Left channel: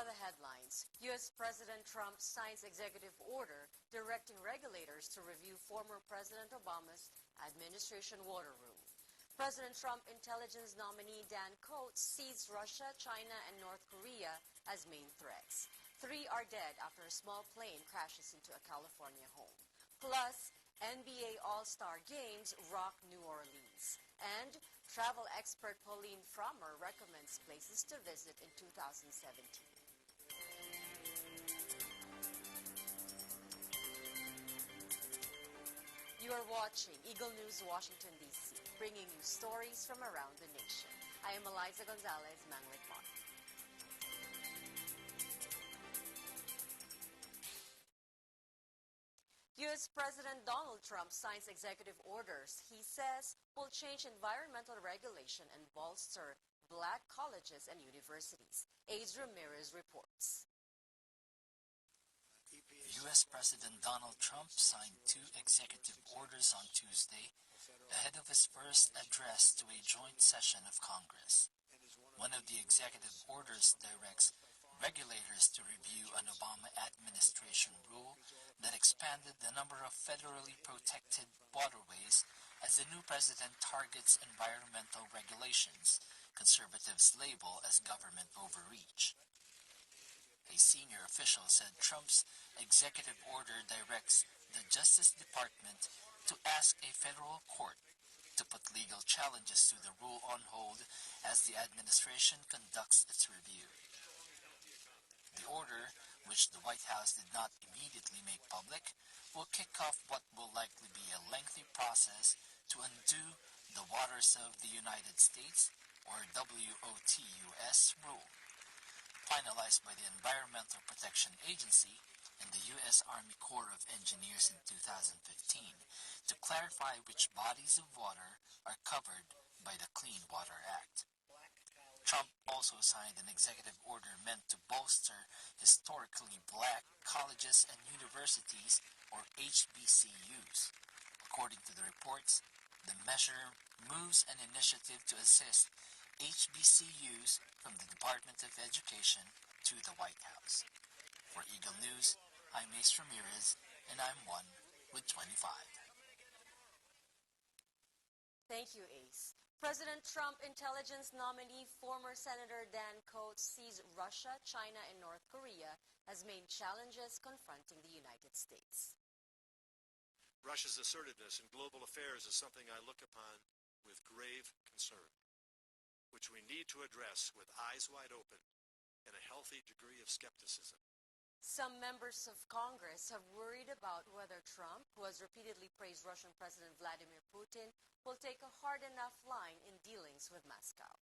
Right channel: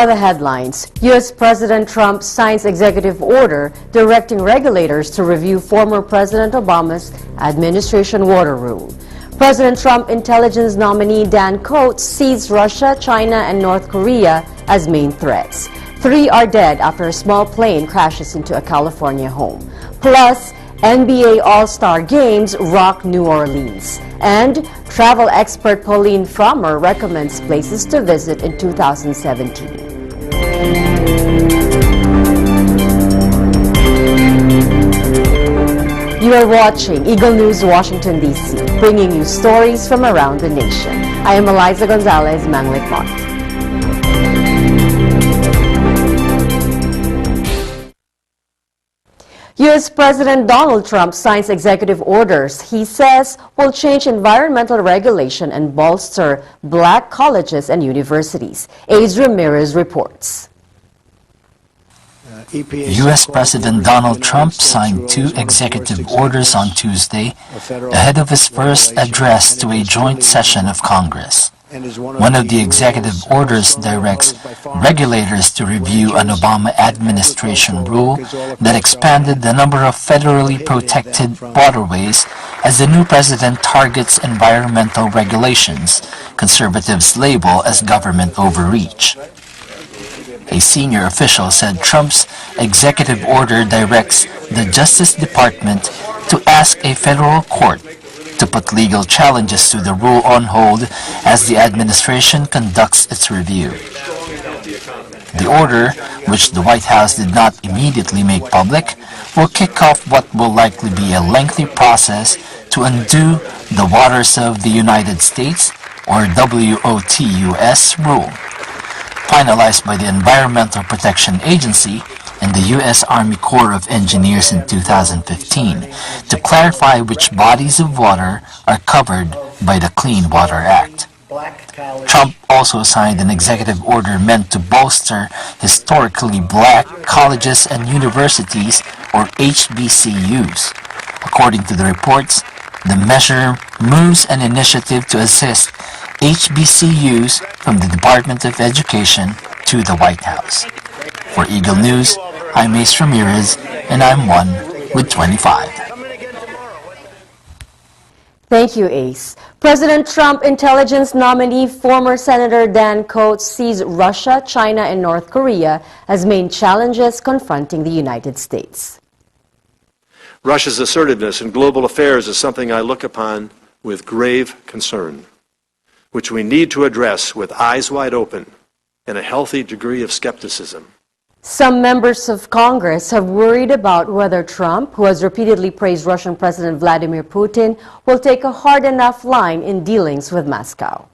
Now the headlines. U.S. President Trump signs executive order directing regulators to review former President Obama's administration water rule. President Trump intelligence nominee Dan Coats sees Russia, China, and North Korea as main threats. 3 are dead after a small plane crashes into a California home. Plus, NBA All-Star Games rock New Orleans. And travel expert Pauline Frommer recommends places to visit in 2017. You are watching Eagle News Washington, D.C., bringing you stories from around the nation. I am Eliza Gonzalez Manglikmont. U.S. President Donald Trump signs executive orders he says will change environmental regulation and bolster black colleges and universities. Ace Ramirez reports. U.S. President Donald Trump signed 2 executive orders on Tuesday ahead of his first address to a joint session of Congress. One of the executive orders directs regulators to review an Obama administration rule that expanded the number of federally protected waterways as the new president targets environmental regulations conservatives label as government overreach. A senior official said Trump's executive order directs the Justice Department to ask a federal court to put legal challenges to the rule on hold as the administration conducts its review. The order, which the White House did not immediately make public, will kick off what will likely be a lengthy process to undo the Waters of the United States, or WOTUS, rule, finalized by the Environmental Protection Agency and the U.S. Army Corps of Engineers in 2015 to clarify which bodies of water are covered by the Clean Water Act. Trump also signed an executive order meant to bolster historically black colleges and universities, or HBCUs. According to the reports, the measure moves an initiative to assist HBCUs from the Department of Education to the White House. For Eagle News, I'm Ace Ramirez, and I'm 1 with 25. Thank you, Ace. President Trump intelligence nominee, former Senator Dan Coats, sees Russia, China, and North Korea as main challenges confronting the United States. Russia's assertiveness in global affairs is something I look upon with grave concern, which we need to address with eyes wide open and a healthy degree of skepticism. Some members of Congress have worried about whether Trump, who has repeatedly praised Russian President Vladimir Putin, will take a hard enough line in dealings with Moscow.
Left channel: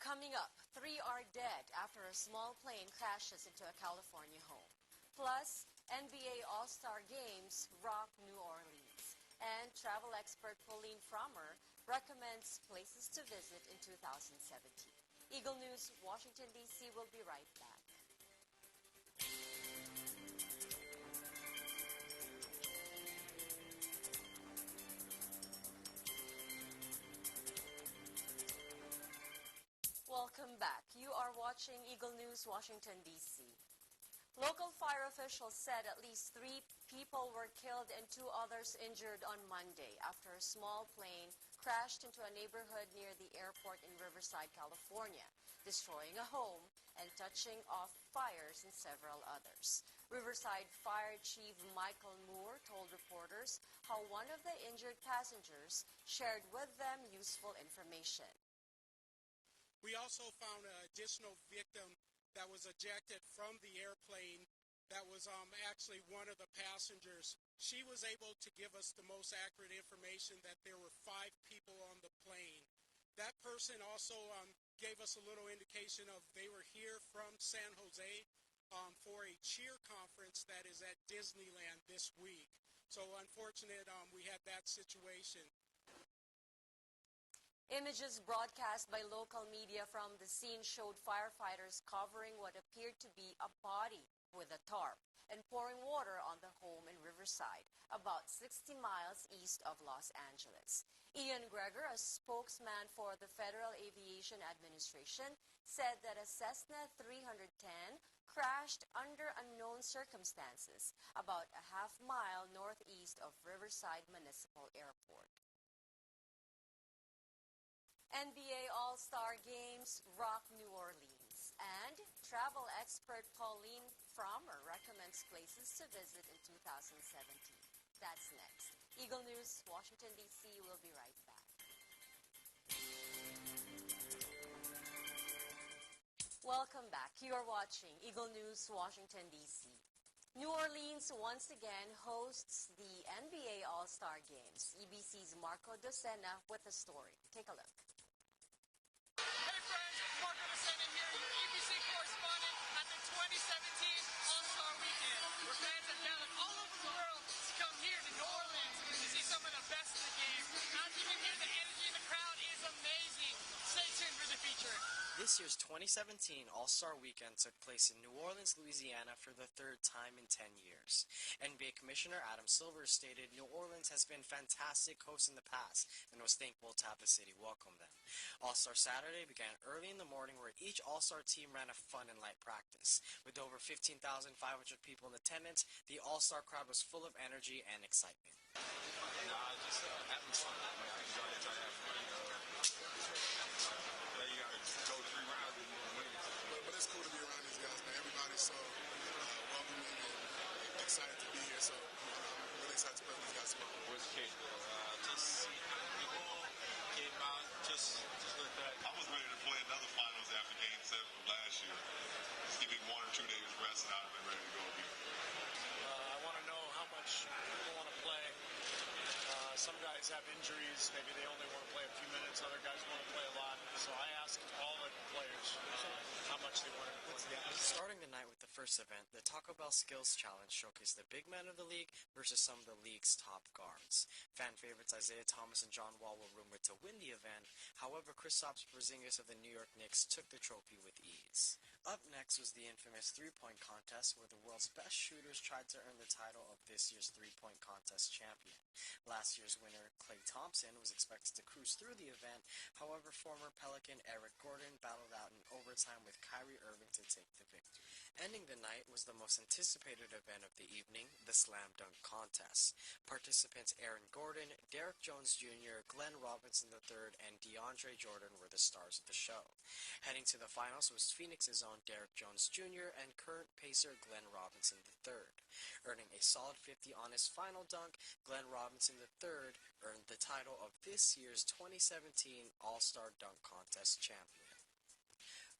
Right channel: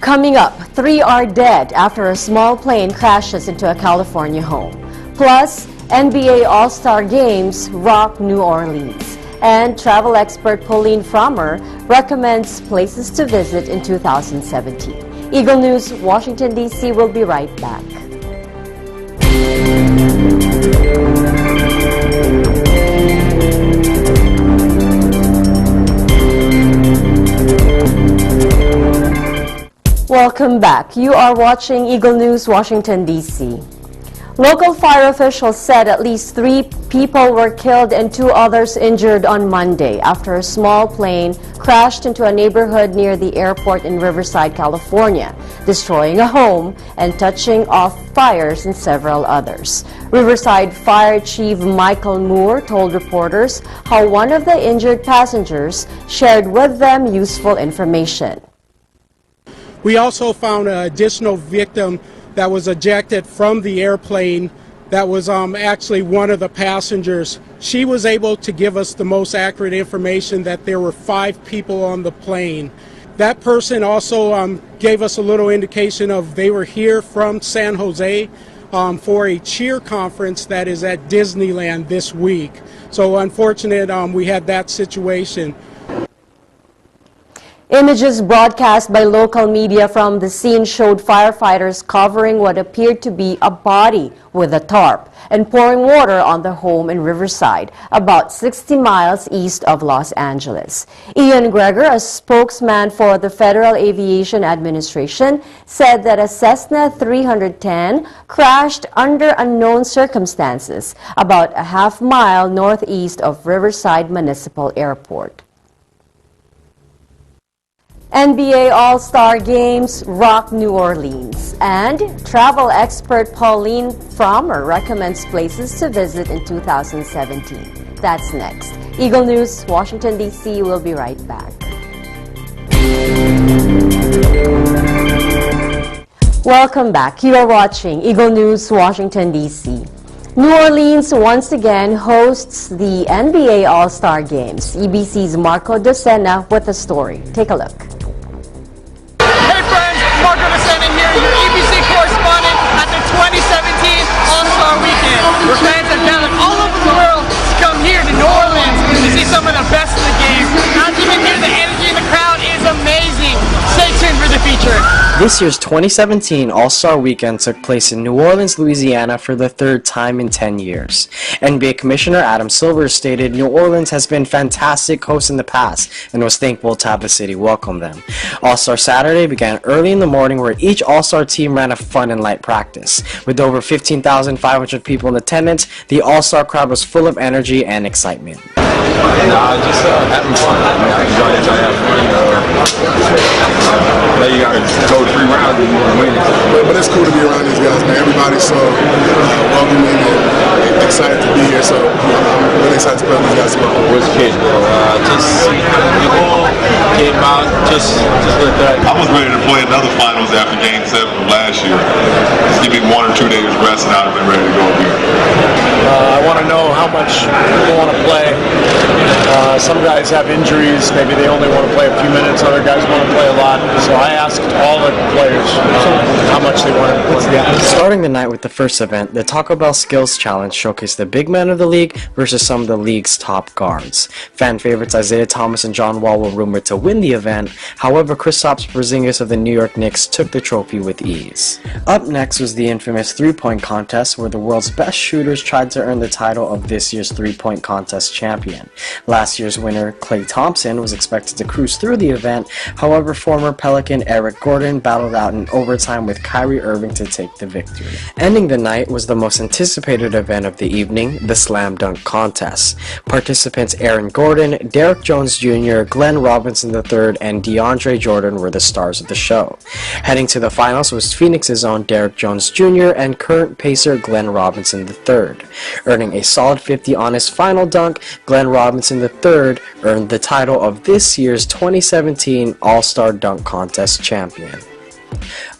Coming up, 3 are dead after a small plane crashes into a California home. Plus, NBA All-Star Games rock New Orleans. And travel expert Pauline Frommer recommends places to visit in 2017. Eagle News, Washington, D.C. will be right back. Welcome back. You are watching Eagle News, Washington, D.C. Local fire officials said at least 3 people were killed and 2 others injured on Monday after a small plane crashed into a neighborhood near the airport in Riverside, California, destroying a home and touching off fires in several others. Riverside Fire Chief Michael Moore told reporters how one of the injured passengers shared with them useful information. We also found an additional victim that was ejected from the airplane that was actually one of the passengers. She was able to give us the most accurate information that there were 5 people on the plane. That person also gave us a little indication of they were here from San Jose for a cheer conference that is at Disneyland this week. So unfortunate we had that situation. Images broadcast by local media from the scene showed firefighters covering what appeared to be a body with a tarp and pouring water on the home in Riverside, about 60 miles east of Los Angeles. Ian Greger, a spokesman for the Federal Aviation Administration, said that a Cessna 310 crashed under unknown circumstances about a half-mile northeast of Riverside Municipal Airport. NBA All-Star Games rock New Orleans, and travel expert Pauline Frommer recommends places to visit in 2017. That's next. Eagle News, Washington, D.C. will be right back. Welcome back. You are watching Eagle News, Washington, D.C. New Orleans once again hosts the NBA All-Star Games. EBC's Marco Docena with the story. Take a look. Marco Docena here, your EBC correspondent at the 2017 All-Star Weekend, where fans have gathered all over the world to come here to New Orleans to see some of the best of the game. As you can hear, the energy in the crowd is amazing. Stay tuned for the feature. This year's 2017 All-Star Weekend took place in New Orleans, Louisiana for the third time in 10 years. NBA Commissioner Adam Silver stated New Orleans has been fantastic hosts in the past and was thankful to have the city welcome them. All-Star Saturday began early in the morning where each All-Star team ran a fun and light practice. With over 15,500 people in attendance, the All-Star crowd was full of energy and excitement. Just having fun. You got to go 3 rounds and win. But it's cool to be around these guys, man. Everybody's so welcoming and excited to be here. So I'm really excited to play with these guys tomorrow. Where's the kids, bro? Just people came out, just like that. I was ready to play another finals after Game 7 of last year. Just give me 1 or 2 days rest and I'd have been ready to go here. I want to know how much people want to play. Some guys have injuries. Maybe they only want to play a few minutes. Other guys want to play a lot. So I asked all the players how much they wanted to play. Starting the night with the first event, the Taco Bell Skills Challenge showcased the big men of the league versus some of the league's top guards. Fan favorites Isaiah Thomas and John Wall were rumored to win the event. However, Kristaps Porzingis of the New York Knicks took the trophy with ease. Up next was the infamous three-point contest, where the world's best shooters tried to earn the title of this year's three-point contest champion. Last year's winner, Klay Thompson, was expected to cruise through the event. However, former Pelican Eric Gordon battled out in overtime with Kyrie Irving to take the victory. Ending the night was the most anticipated event of the evening, the Slam Dunk Contest. Participants Aaron Gordon, Derrick Jones Jr., Glenn Robinson III, and DeAndre Jordan were the stars of the show. Heading to the finals was Phoenix's own Derrick Jones Jr. and current Pacer Glenn Robinson III. Earning a solid 50 on his final dunk, Glenn Robinson III earned the title of this year's 2017 All-Star Dunk Contest champion.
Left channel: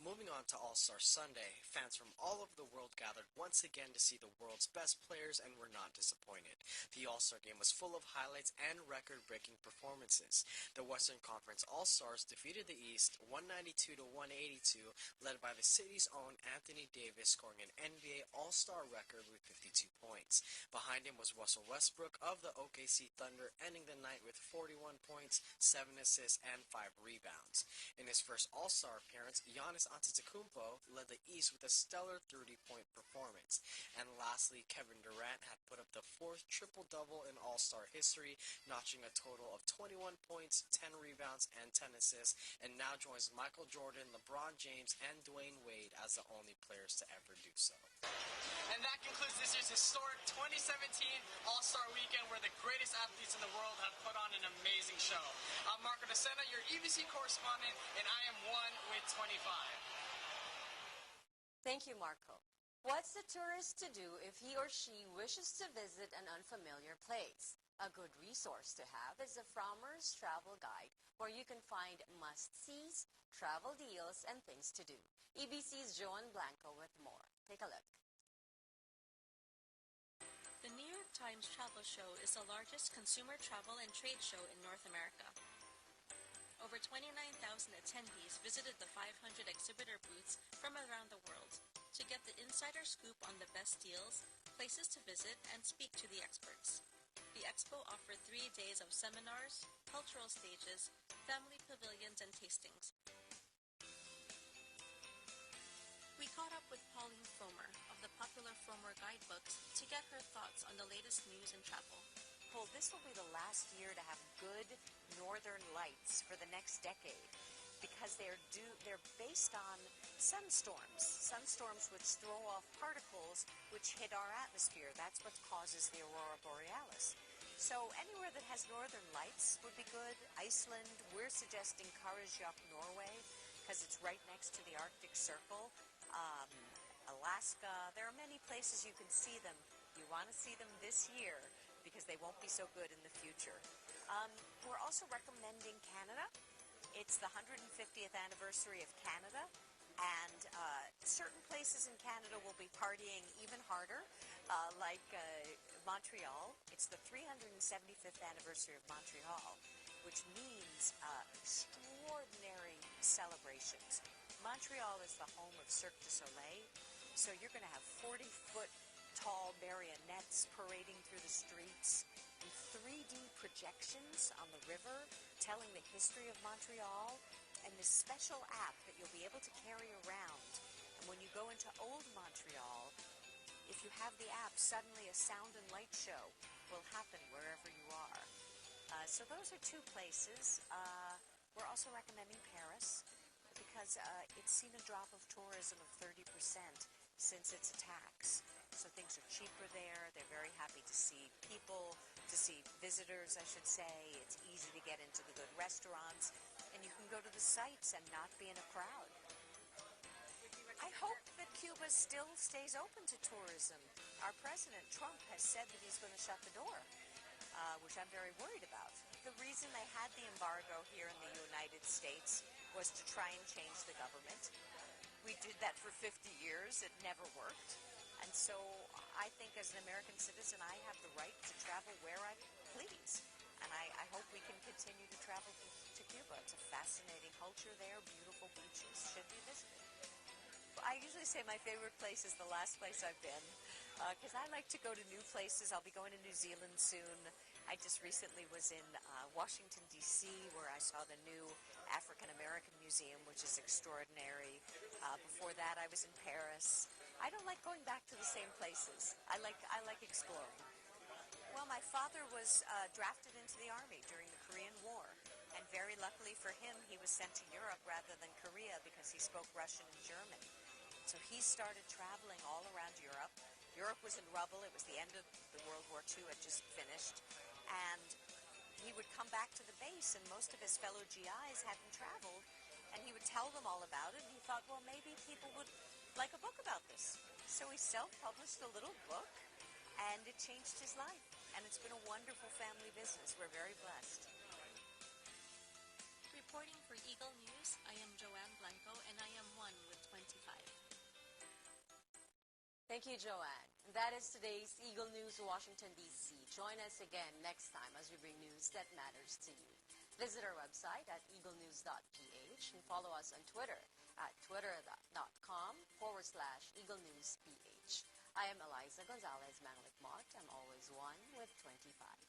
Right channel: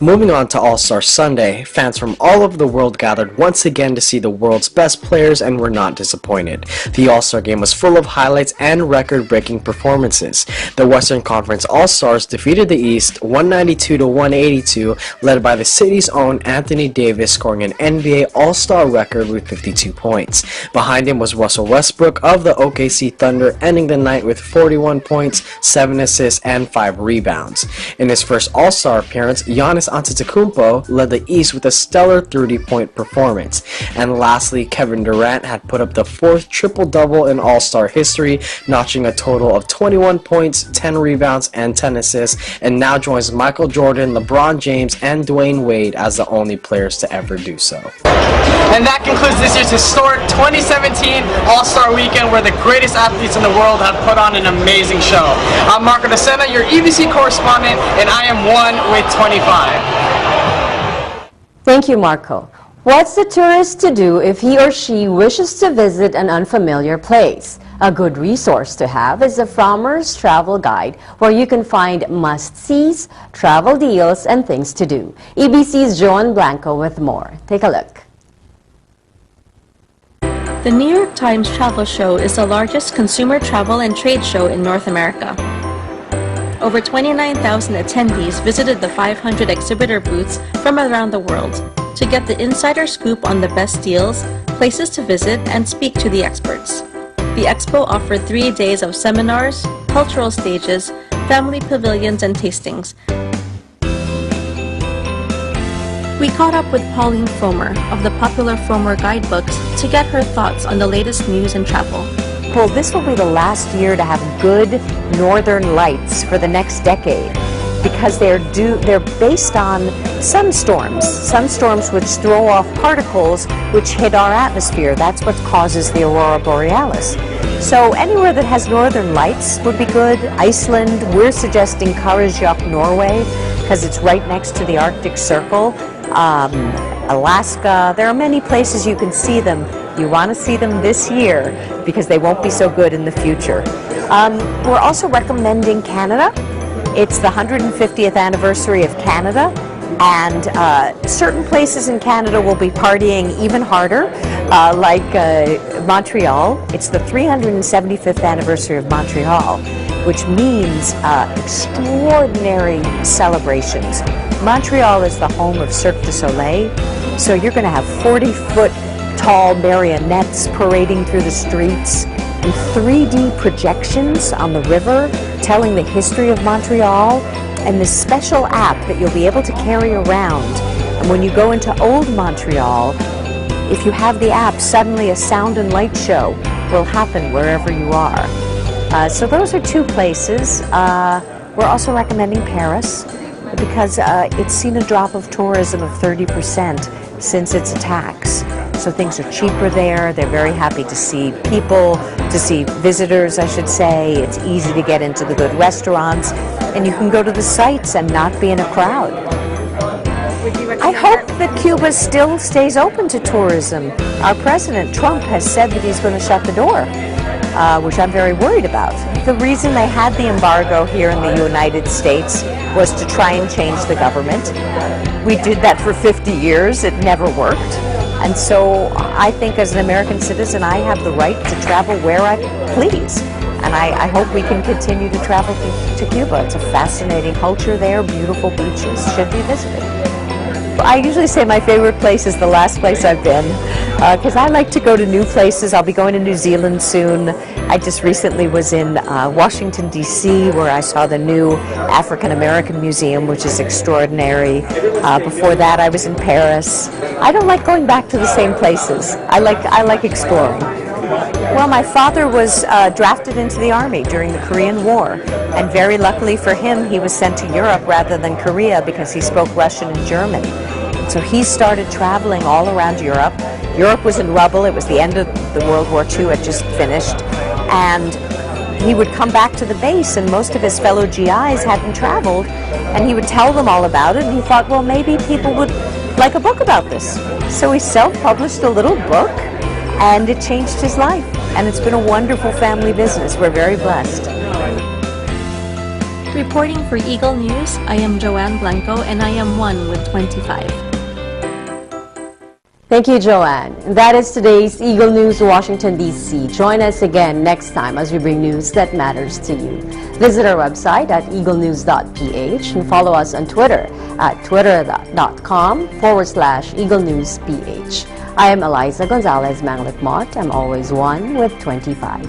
Moving on to All-Star Sunday, fans from all over the world gathered once again to see the world's best players and were not disappointed. The All-Star Game was full of highlights and record-breaking performances. The Western Conference All-Stars defeated the East 192-182, led by the city's own Anthony Davis, scoring an NBA All-Star record with 52 points. Behind him was Russell Westbrook of the OKC Thunder, ending the night with 41 points, 7 assists, and 5 rebounds. In his first All-Star appearance, Giannis Antetokounmpo led the East with a stellar 30-point performance. And lastly, Kevin Durant had put up the 4th triple-double in All-Star history, notching a total of 21 points, 10 rebounds, and 10 assists, and now joins Michael Jordan, LeBron James, and Dwayne Wade as the only players to ever do so. And that concludes this year's historic 2017 All-Star Weekend, where the greatest athletes in the world have put on an amazing show. I'm Marco Docena, your EBC correspondent, and I am 1 with 25. Thank you, Marco. What's the tourist to do if he or she wishes to visit an unfamiliar place? A good resource to have is the Frommer's Travel Guide, where you can find must-sees, travel deals, and things to do. EBC's Joan Blanco with more. Take a look. The New York Times Travel Show is the largest consumer travel and trade show in North America. Over 29,000 attendees visited the 500 exhibitor booths from around the world to get the insider scoop on the best deals, places to visit, and speak to the experts. The expo offered 3 days of seminars, cultural stages, family pavilions, and tastings. We caught up with Pauline Frommer of the popular Frommer guidebooks to get her thoughts on the latest news and travel. Well, this will be the last year to have good northern lights for the next decade, because they're based on sunstorms which throw off particles which hit our atmosphere. That's what causes the aurora borealis. So anywhere that has northern lights would be good. Iceland, we're suggesting Karasjok, Norway, because it's right next to the Arctic Circle. Alaska, there are many places you can see them. You want to see them this year because they won't be so good in the future. We're also recommending Canada. It's the 150th anniversary of Canada, and certain places in Canada will be partying even harder, like Montreal. It's the 375th anniversary of Montreal, which means extraordinary celebrations. Montreal is the home of Cirque du Soleil, so you're going to have 40-foot tall marionettes parading through the streets, and 3D projections on the river telling the history of Montreal, and this special app that you'll be able to carry around. And when you go into Old Montreal, if you have the app, suddenly a sound and light show will happen wherever you are. So those are two places. We're also recommending Paris, because it's seen a drop of tourism of 30% since its attacks. So things are cheaper there. They're very happy to see people, to see visitors, I should say. It's easy to get into the good restaurants, and you can go to the sites and not be in a crowd. I hope that Cuba still stays open to tourism. Our President Trump has said that he's going to shut the door, which I'm very worried about. The reason they had the embargo here in the United States was to try and change the government. We did that for 50 years. It never worked. And so I think as an American citizen, I have the right to travel where I please. And I hope we can continue to travel to Cuba. It's a fascinating culture there, beautiful beaches, should be visited. I usually say my favorite place is the last place I've been, because I like to go to new places. I'll be going to New Zealand soon. I just recently was in Washington, D.C., where I saw the new African American Museum, which is extraordinary. Before that, I was in Paris. I don't like going back to the same places. I like exploring. Well, my father was drafted into the army during the Korean War, and very luckily for him, he was sent to Europe rather than Korea because he spoke Russian and German. So he started traveling all around Europe. Europe was in rubble. It was the end of the World War II had just finished, and he would come back to the base, and most of his fellow GIs hadn't traveled, and he would tell them all about it, and he thought, well, maybe people would like a book about this. So he self-published a little book, and it changed his life. And it's been a wonderful family business. We're very blessed. Reporting for Eagle News, I am Joanne Blanco, and I am 1 with 25. Thank you, Joanne. And that is today's Eagle News, Washington, D.C. Join us again next time as we bring news that matters to you. Visit our website at eaglenews.ph and follow us on Twitter at twitter.com/EagleNewsPH. I am Eliza Gonzalez Manglit Mott. I'm always 1 with 25.